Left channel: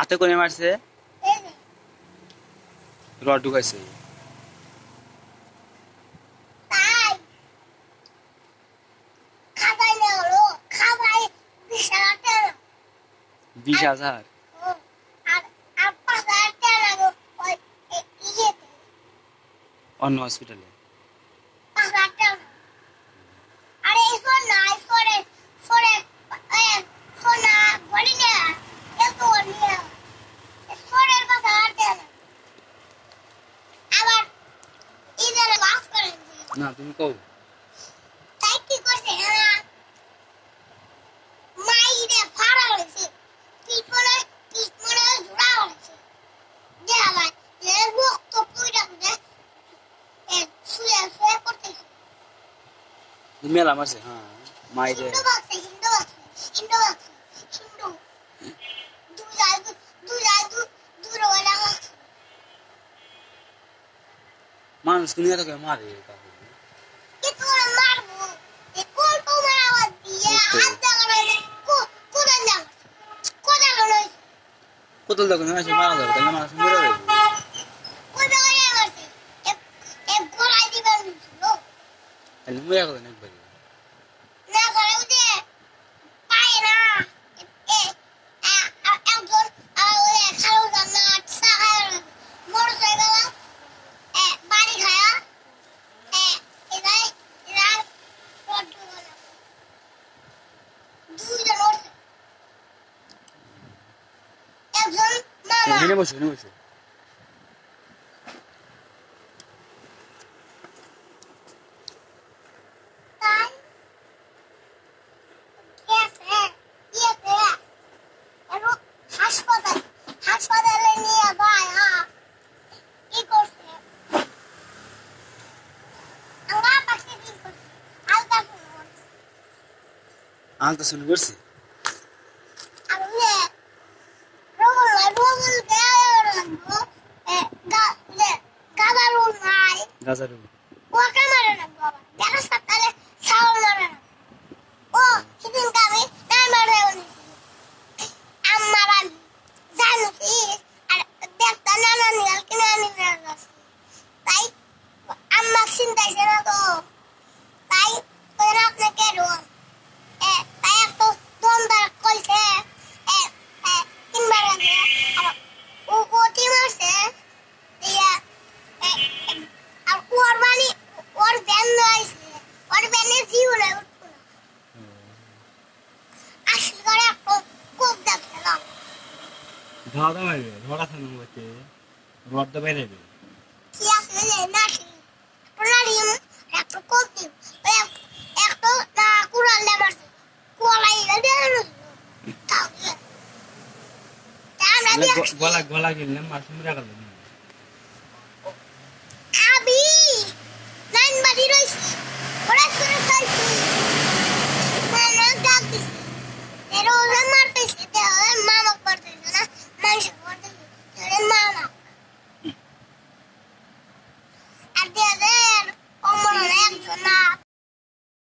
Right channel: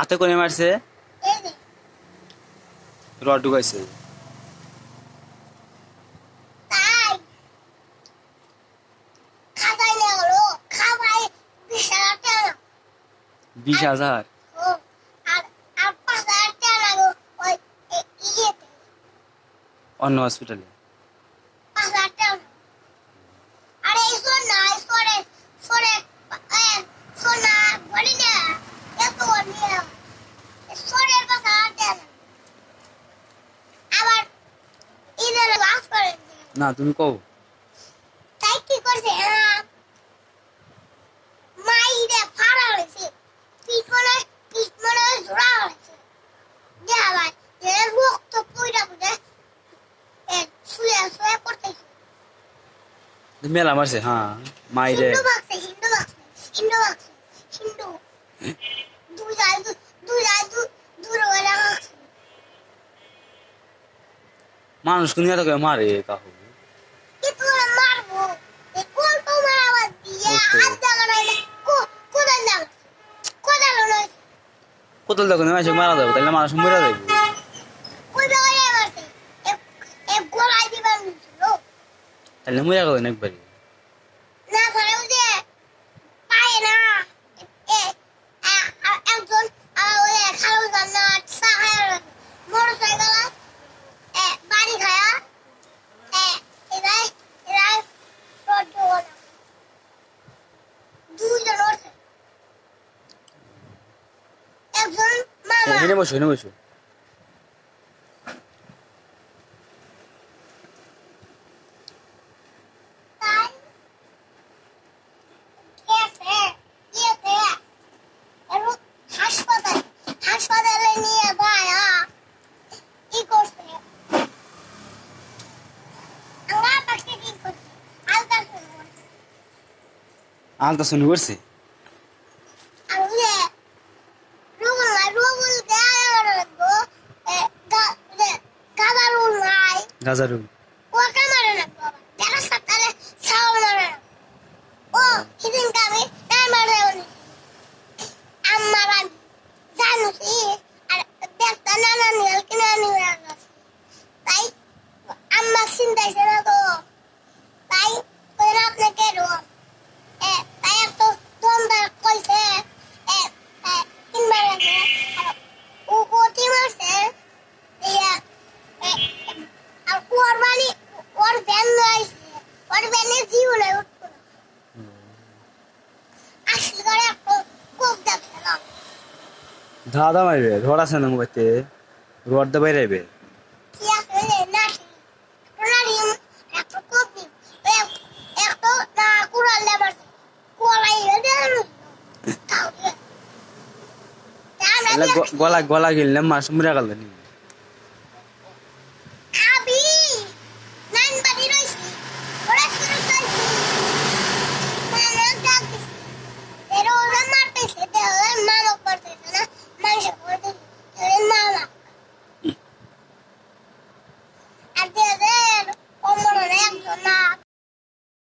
আতে করে মারছে রড ঢুকাইছে 20,000 অন্য হসপিটালে না তুমি কও মেলা মারছে হ্যাঁ মাইরে মানুষ নিয়ে থাকে মারে কাকু কোথাও দেখো মাসে মারা যাবে তাহলে মানুষ মরে যাবে তাহলে মরে যাবে একবারই এখানে বসো এখানে বসো আলতা শুনি করছে গাজারু ধাঁধা মারবে রড আছে না মোবাইতে রড দে বাইরে গলা গলা গেলে মাছ মরে গেল